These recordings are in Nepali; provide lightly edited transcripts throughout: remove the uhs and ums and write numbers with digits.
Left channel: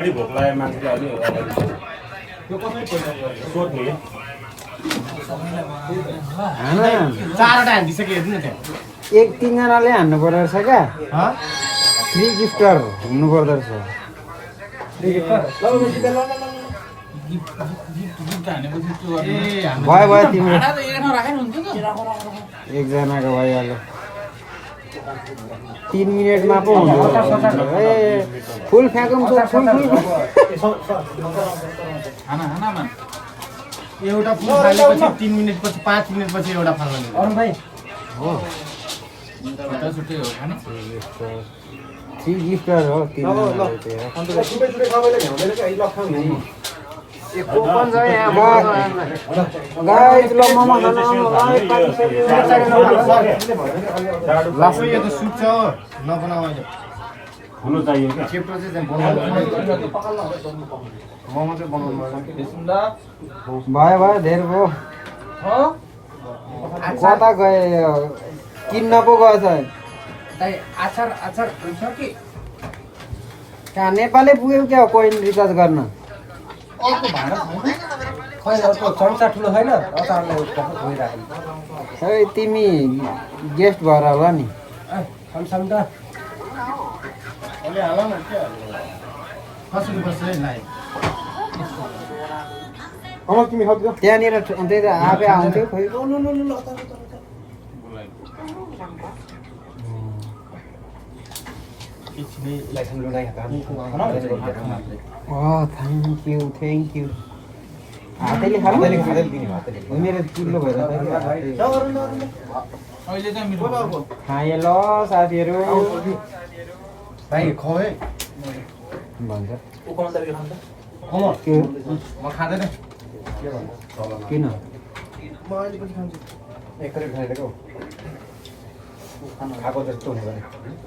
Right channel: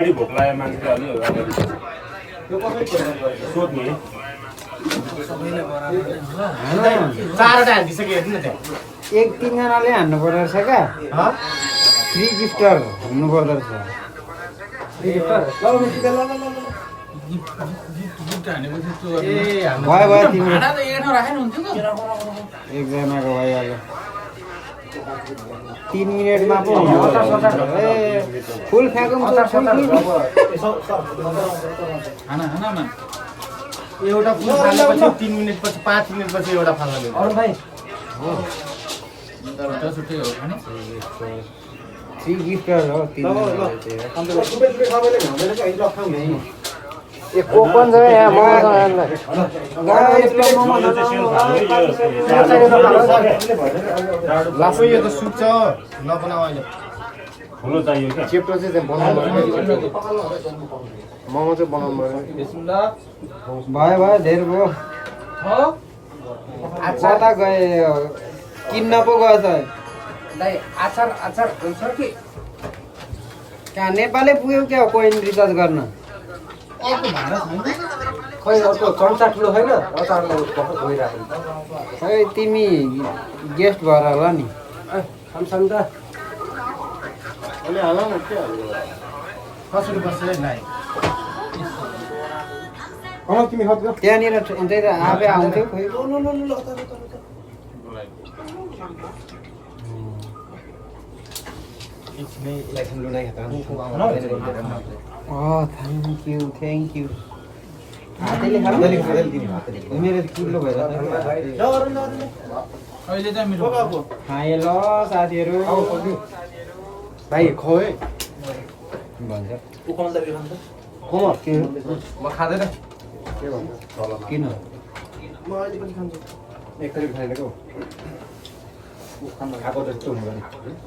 गाडी भोक लाग्यो मान्छेले अलि त्यो कसरी सोध्नु सबैलाई बराबर होला चारवटा हानिसक्यो हेर्नु न त्यहाँ एक तीनजनाले हान्नु पर्दो रहेछ क्या थ्री गिफ्टर हुनु पर्दो रहेछ गिफ्ट हानेपछि त्यो भयो भयो तिमी भाडा त एक ठाउँ राखेन हुन्थ्यो त एकजनाको भइहाल्यो 3 मिनेटमा पो हुन्छ ए फुल फ्याकुम खाना खाना एउटा फुल फालेपछि 3 मिनेटपछि 5 मिनेटपछि एउटा फाल्न मिल्छ अरु भाइ हो त छुट्टै हो खाने थ्री गिफ्टर हो ओपन छ यहाँ लासो यो त सुत्छ नबनाऊ अहिले ठुलो चाहियो क्या चेप्टो चाहिँ बनाउनु मोमो चाहिँ बनाउनु भयो भयो धेरै भयो कता गए किन्न पो गएछ दाइ आचार आचार हुन्छ कि कहाँ नेपालै पुग्यो क्या कोइन रिचार्ज गर्न अर्को भाडा खै अर्को चम्चा ठुलो छैन अचारलाई धोइराख्नु खै तिमी गेस्ट भएर होला नि सामसाम त कसरी बस्छ नाइ तिमी खत्यो त्यहाँनिर त्यही त आफै आउँथ्यो खोइ थ्याङ्क यू हातैले खानु मेरो किलो भएर अहिले चाहिँ मेरो खाएँ ल साथीहरू भाइ खुवाए भन्छ म खाँदैन किन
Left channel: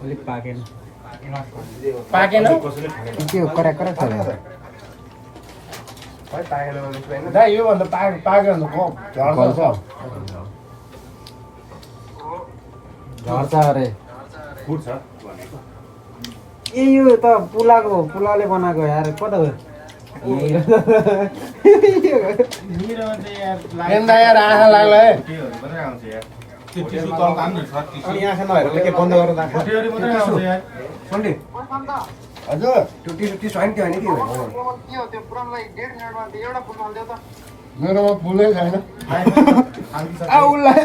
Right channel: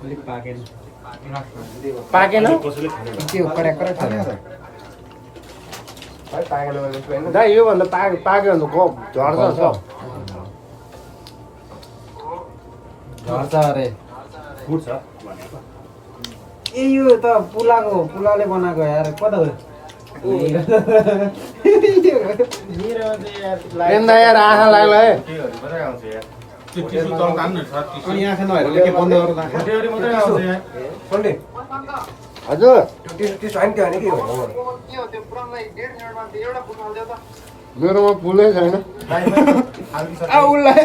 अलिक पाकेन पाकेन त्यो कडा कडा छ दाइ योभन्दा पाक्यो भने कम झर्छ झर्छ अरे फुट्छ ए यो त पुलाले बनाएको यार कता गयो यार आँखा लाग्यो है अनि आँखा नहेर के बन्द गरेर हजुर मेरोमा पुलै छैन उसलाई